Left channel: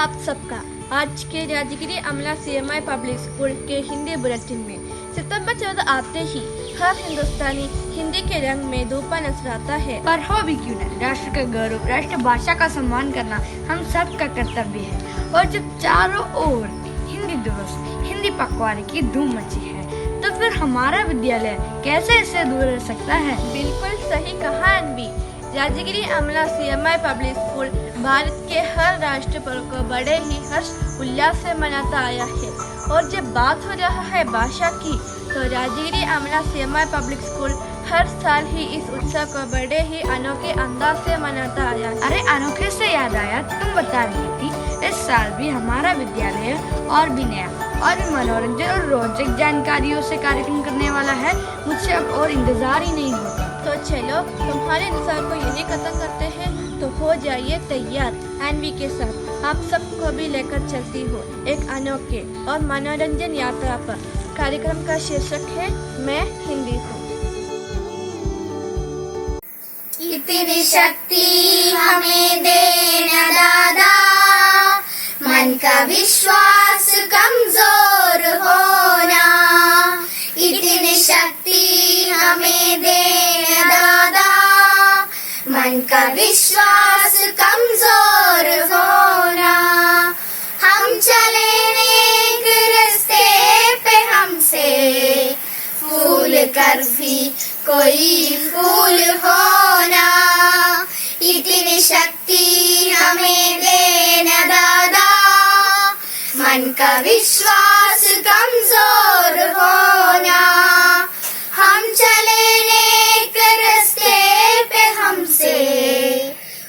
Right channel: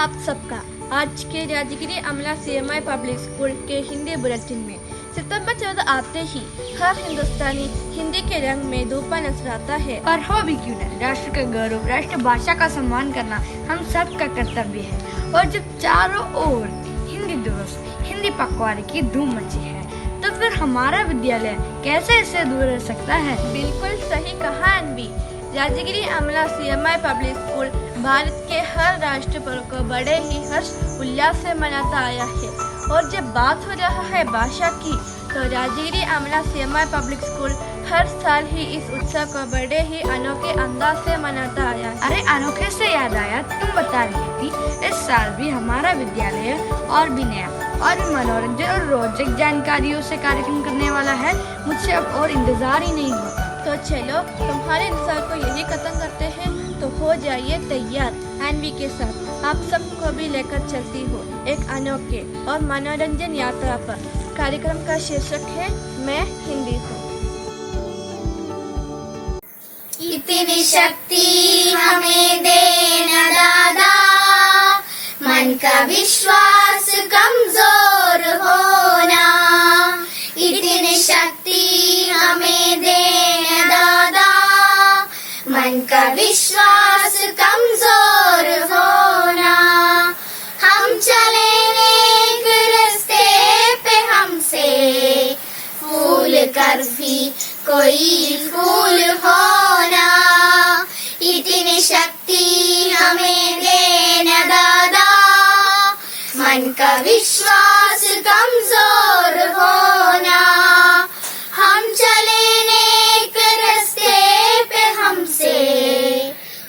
आप सबका आज के राजगिरी अमला CMI पब्लिक स्कूल के हिंदी बुलेटिन में। सितंबर 14 आते ही हर हिंदुस्तानी हिंदी के रंग में धूपा नजर आता है। पर हो भी क्यों न, राष्ट्र का गौरव, राष्ट्रभाषा का सम्मान करना हम सब का कर्तव्य है। और जब चारों ओर हिंदी दिवस, हिंदी पखवाड़े की धूम मची है, तो फिर हमारा विद्यालय कैसे इससे दूर रह सकता है। बिल्कुल सही कहा अनवी। राजगिरी अमला CMI पब्लिक स्कूल भारत के हर राष्ट्र पर्व को बड़े ही हर्ष उल्लास से मनाता आया है। और जब बात हो रहा है भाषा की, तो राजगिरी अमला CMI पब्लिक स्कूल हर साल ही इस उत्सव को बड़े ही अनोखे अंदाज से मनाता आया है। अरे अनोखे से याद आया, तुम बता रही थी इस साल भी हमारा विद्यालय और भी नया और भी मनोरंजन और रोचक जानकारियों से कार्यक्रम करने वाला है। मुझसे अब और इंतजार ही नहीं होता। तो चलो तुम्हारे इंतजार को यही खत्म करते हैं। तो हो जाइए तैयार, एनवी के साथ आप सबको भी लेकर चलती हो एक अनोखे और मनोरंजन यात्रा पर। कार्यक्रम का शीर्षक है मैं हिंदी हूँ। इतनी शक्ति हमें देना दादा, मन का विश्वास कमजोर होना। इतनी शक्ति हमें देना दादा, मन का विश्वास कमजोर होना। हम चले नेक रास्ते पे, हमसे फूल कर भी कोई फूल होना। इतनी शक्ति हमें देना दादा, मन का विश्वास कमजोर होना। हम चले नेक रास्ते पे, हमसे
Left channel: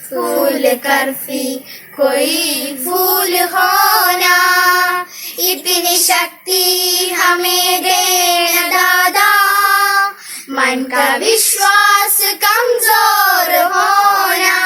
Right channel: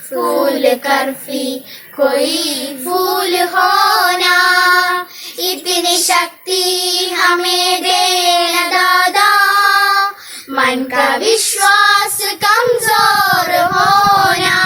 फूल कर भी कोई फूल होना। इतनी शक्ति हमें देना दादा, मन का विश्वास कमजोर होना।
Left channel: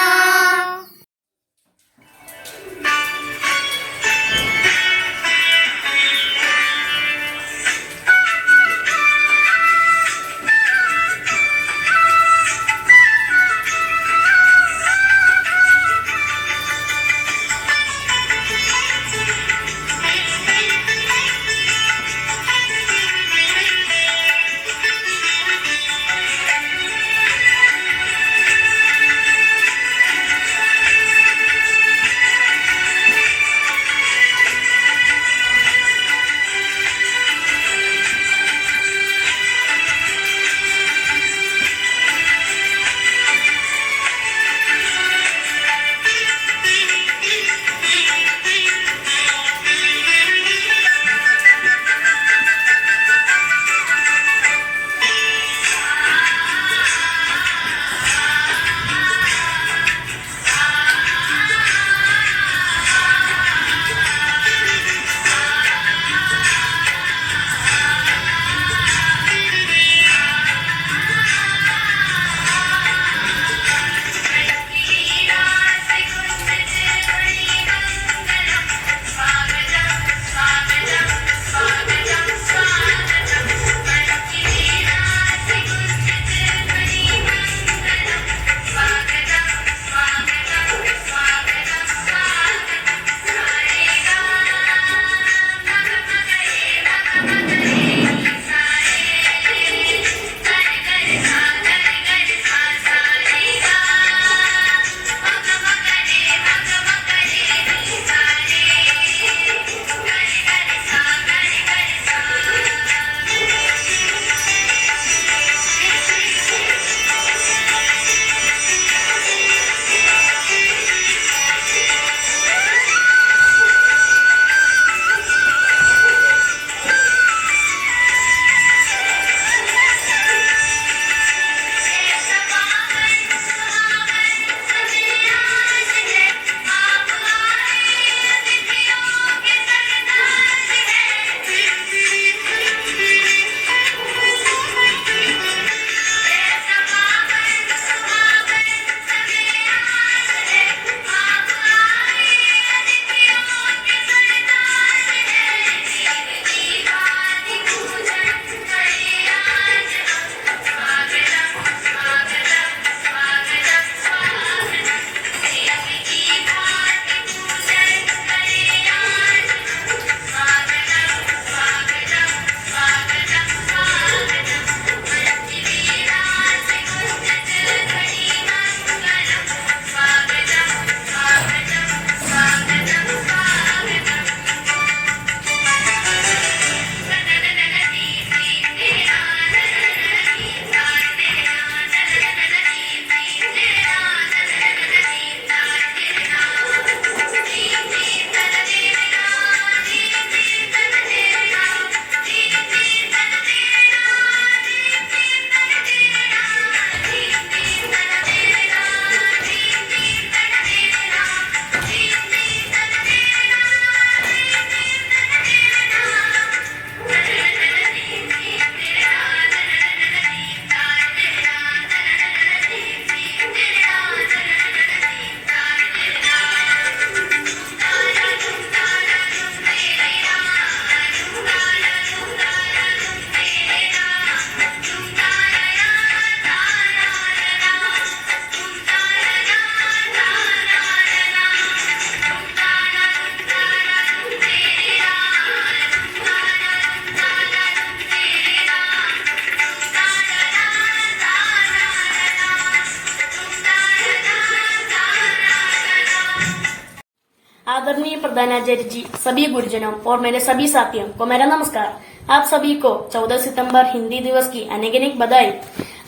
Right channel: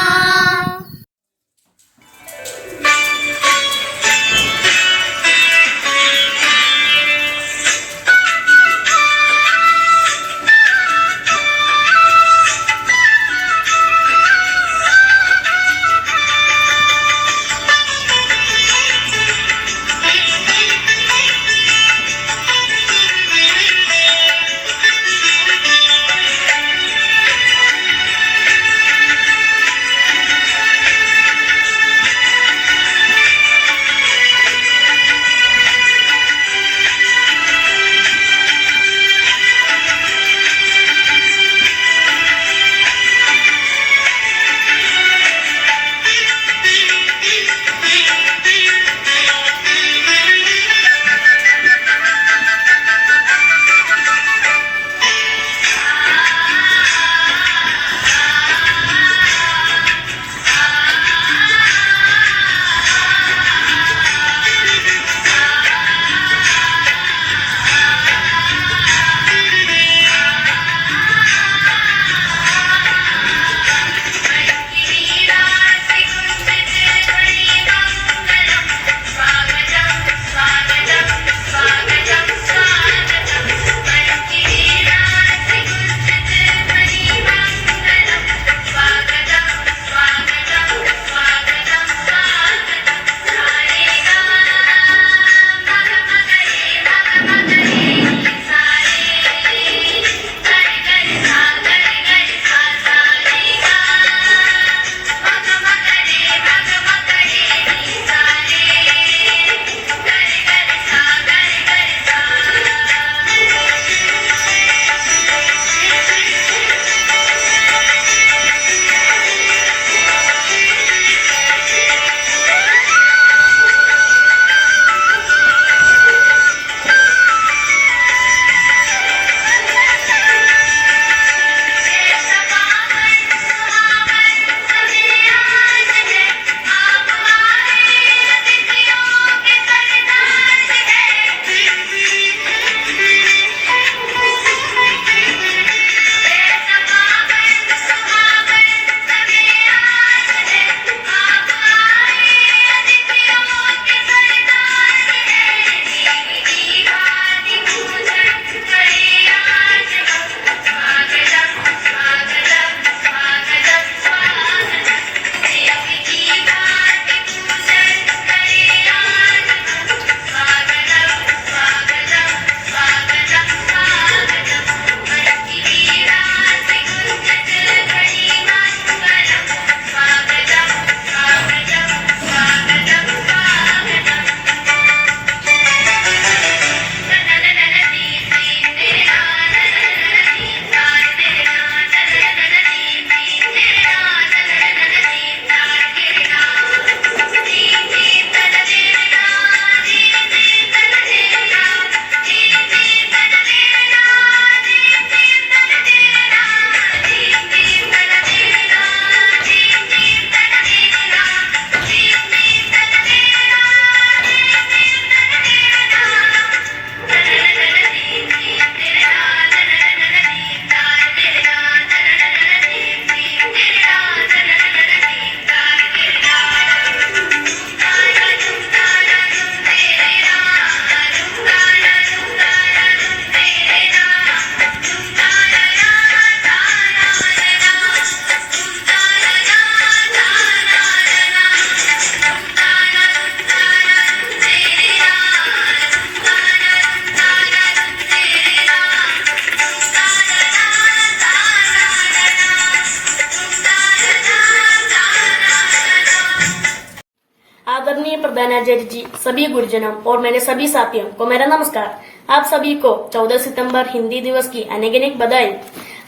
आदरणीय प्रधानाचार्य जी, सभी गुरुजनों और मेरे सभी साथियों को मेरा नमस्कार। आप सभी को 14 सितंबर हिंदी दिवस की अनेक अनेक बधाई।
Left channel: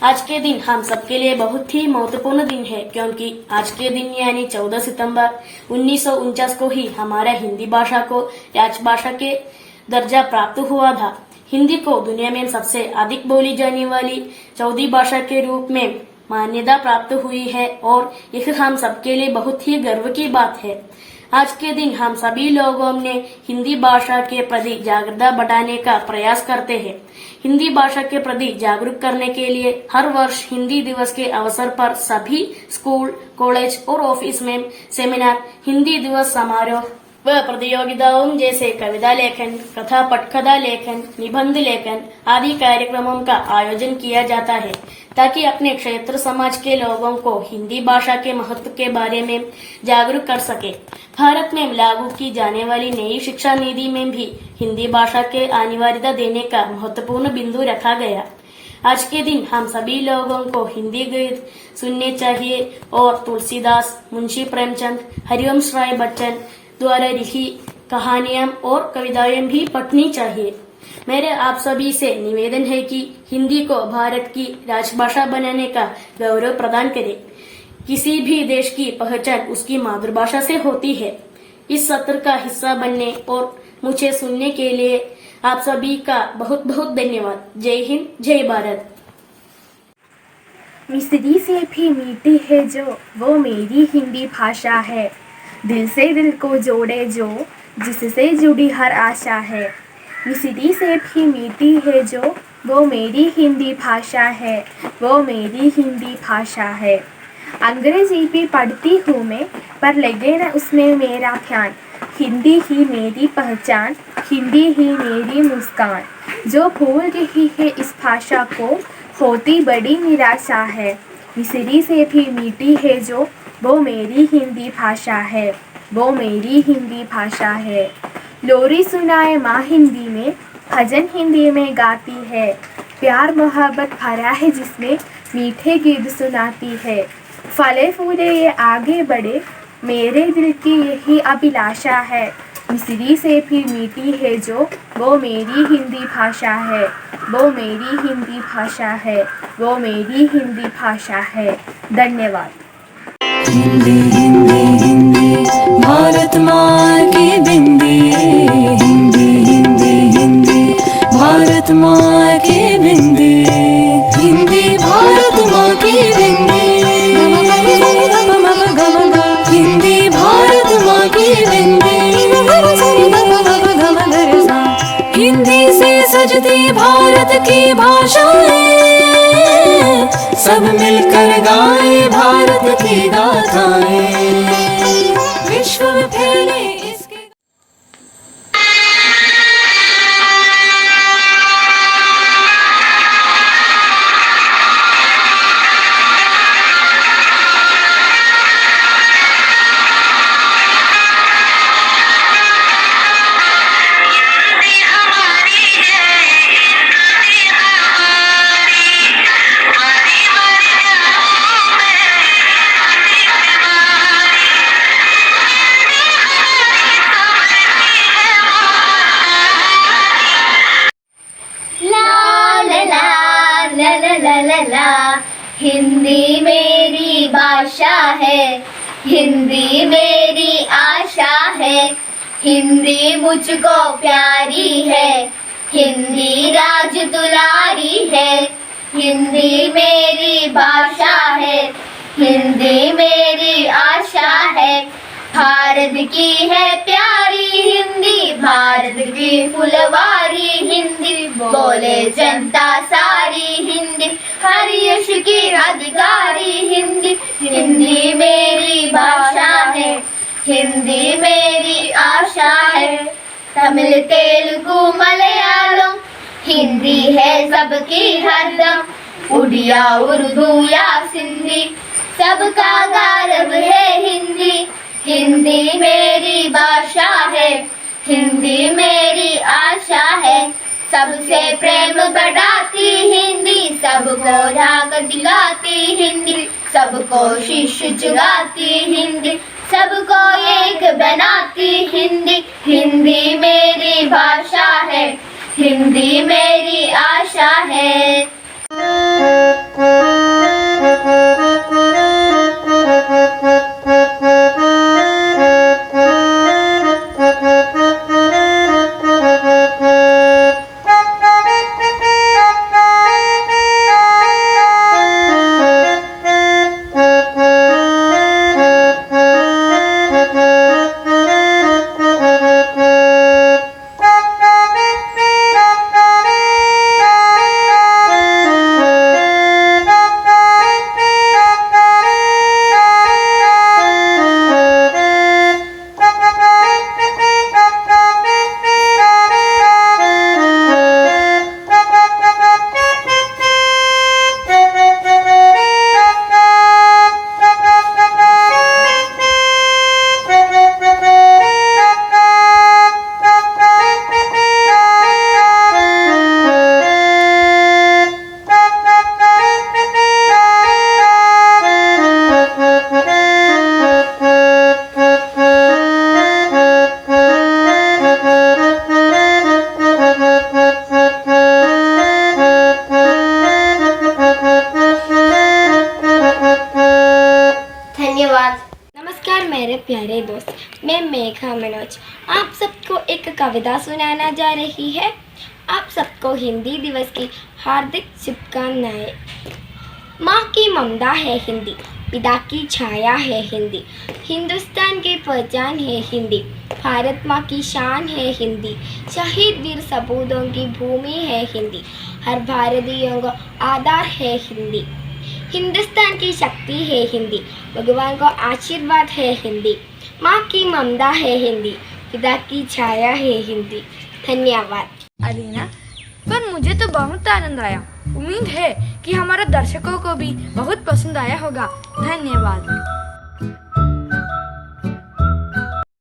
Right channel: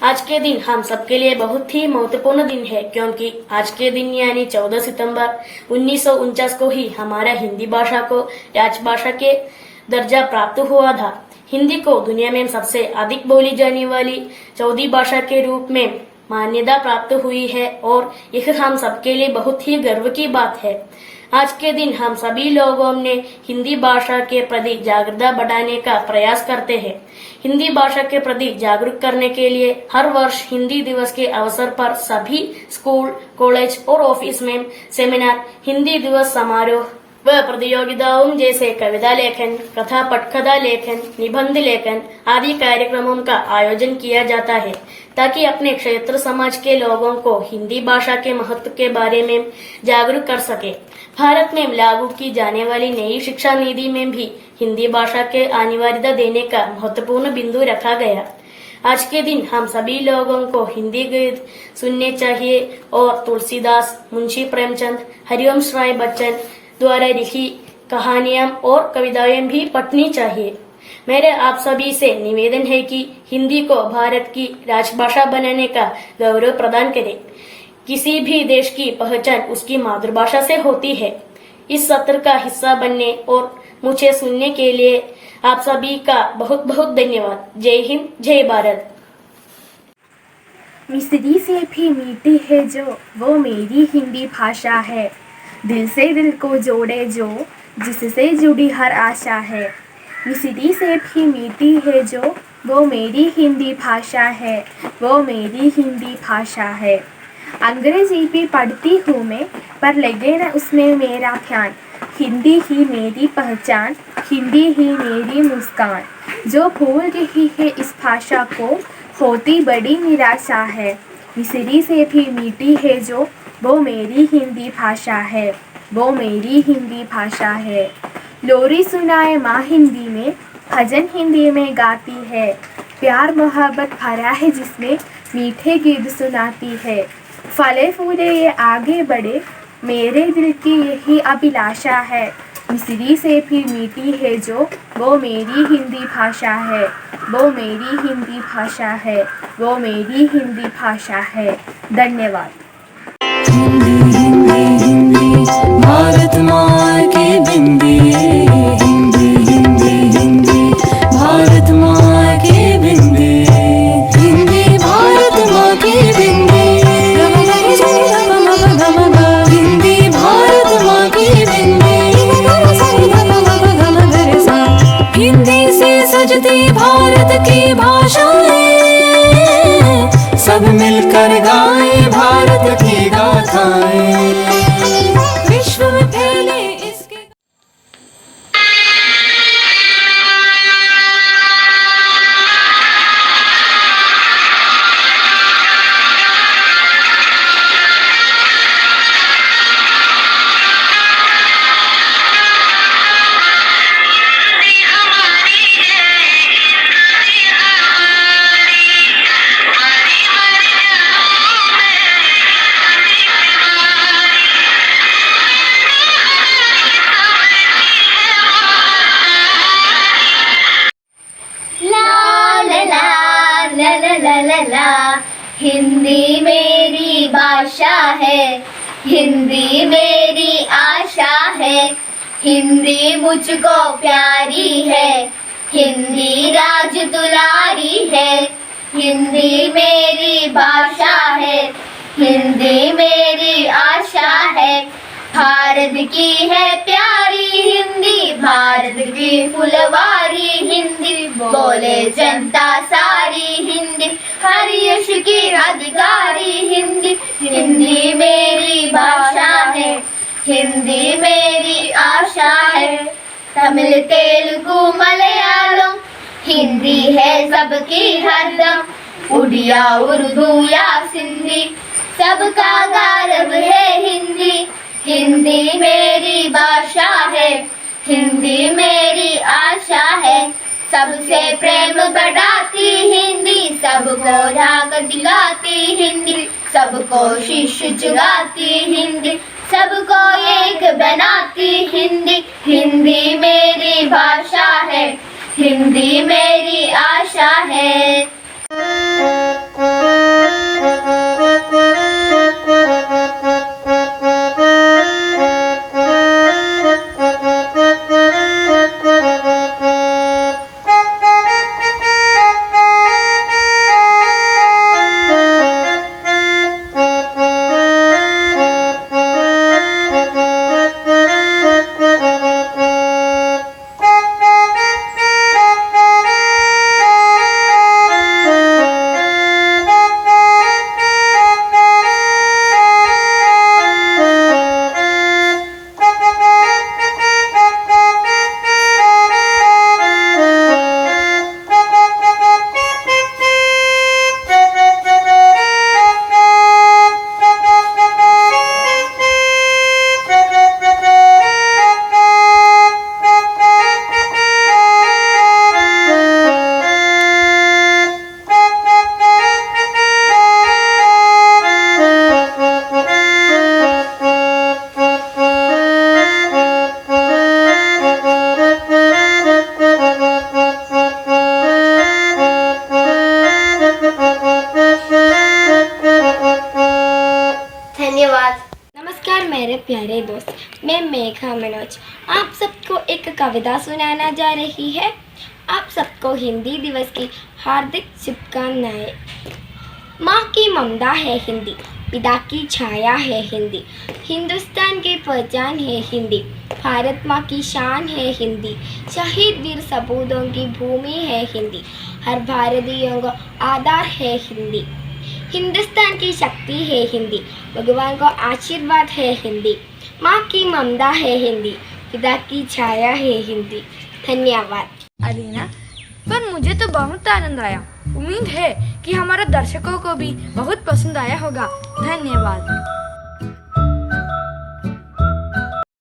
आज के दिन हम सबके लिए बहुत ही महत्वपूर्ण दिन है, क्योंकि आज के दिन यानी 14 सितंबर 1949 को ही हमारा हिंदी भाषा को राजभाषा के दर्जा प्राप्त हुआ था। हिंदी को दुनिया में सबसे अधिक बोली जाने वाली चौथी भाषा के रूप में मान्यता प्राप्त हुई है और यह हम सबके लिए बहुत ही गर्व की बात है। आज के दिन हम सभी लोगों ने हिंदी भाषा के प्रति जागरूकता बढ़ाने का प्रयास करते हैं। हिंदी भाषा के प्रति जागरूक करने के लिए हर वर्ष हिंदी दिवस के अवसर पर सभी स्कूल, कॉलेज और ऑफिस में सेमिनार, हिंदी दिवस समारोह व प्रतियोगिताओं जैसे कविता लेखन, कथा पटकथा लेखन, निबंध लेखन आदि कार्यक्रमों का आयोजन किया जाता है, ताकि अपने क्षेत्र समाज के लोगों को हिंदी भाषा के महत्व के बारे में जागरूक कर सके। भारत में लागू की जाने वाली नई शिक्षा नीति में भी हिंदी भाषा के अनिवार्यता देने का महत्वपूर्ण बिंदु रखा गया। आज के दिन हम सभी लोगों को हिंदी गीत सुनने चाहिए और तुलसीदास, मुंशी प्रेमचंद, हरिवंश राय बच्चन द्वारा लिखी कहानियां और कविताएं भी पढ़नी चाहिए। मेरे आप सभी से निवेदन है कि हिंदी को भारत की राजभाषा बनाने का गौरव प्रदान करें। किसी भी देश की पहचान उसकी मातृभाषा से होती है। इस सत्र का हिस्सा बनने और मुझे सुनने के लिए आप सभी का बहुत बहुत धन्यवाद। जय हिंद, जय भारत। मिस्री से भी मीठी है जो, वो मेरी हिंदी भाषा है। दिल से दिल को जोड़े जो, जिससे जुड़ी हर आशा है। मिस्री से भी मीठी है जो, वो मेरी हिंदी भाषा है, वो मेरी हिंदी भाषा है। अंग्रेजी भी पढ़ती हूँ मैं, पर लगे न उसमें मेरा ध्यान। हिंदी ही मेरी पहचान, हिंदी ही मेरी मुस्कान। जो भूल रही है इस भाषा को, होती बड़ी निराशा है। मिस्री से भी मीठी है जो, वो मेरी हिंदी भाषा है, वो मेरी हिंदी भाषा है। लोरी सुनाए माँ हिंदी में, भजन हिंदी में गाती है। प्यार मोहब्बत भरा है जिसमें, मीठे गीत सुनाती है। फले फूले ये आगे बढ़े, मेरे दिल की यही अभिलाषा है। मिस्री से भी मीठी है जो, वो मेरी हिंदी भाषा है, वो मेरी हिंदी भाषा है, वो मेरी हिंदी भाषा है। धन्यवाद। हिंदी हिंदी हिंदी भारत माँ की बिंदी। हिंदी हिंदी हिंदी भारत माँ की बिंदी। हिंदी भारत माँ की बिंदी। हिंदी भारत माँ की बिंदी। हिंदी से सजती भारत की भाषाएं, सब मिलकर गाएं भारत की गाथाएं। विश्व में फैले इसके। हिंदी मेरी भाषा है, हिंदी मेरी आशा है। हिंदी मुझको प्यारी है, हिंदी राज दुलारी है। हिंदी मेरी भाषा है, हिंदी मेरी आशा है। भारत की है प्यारी हिंदी, भारत की फुलवारी हिंदी। बोले जनता सारी हिंदी, हर यश की अधिकारी हिंदी। हिंदी मेरी भाषा है, हिंदी मेरी आशा है। तमिल तेलुगु मलयालम, हिंदी है सबकी हरदम। उड़िया उर्दू या सिंधी, सबका गौरव है हिंदी। हिंदी मेरी भाषा है, हिंदी मेरी आशा है। सबसे प्रेम बढ़ाती हिंदी, सबको राग दिलाती हिंदी। सबको शीश झुकाती हिंदी, सबको एक बनाती हिंदी, हिंदी मेरी भाषा है, हिंदी मेरी आशा है। धन्यवाद। नमस्कार मेरे प्यारे दोस्त, मैं मेघा मनोज आप सबको एक कविता सुनाना जा रही है। आप सबको हिंदी दिवस की हार्दिक शुभकामनाएं। माँ की ममता है हिंदी, पिता की छाया है हिंदी, हिंदुस्तान की पहचान है हिंदी, भारत माँ की शान है हिंदी, शहीद वीर सपूतों की भूमि है हिंदी, हर भारतीयों का आधार है हिंदी, हिंदुस्तान की शक्ति है हिंदी, भगवान का आशीर्वाद है हिंदी, माँ की ममता है हिंदी, पिता की छाया है हिंदी। धन्यवाद। अलीना, पर मुझे तो बहुत आनंद आया। उम्मीद है कि हमारे दर्शकों को भी बहुत पसंद आया होगा। धन्यवाद।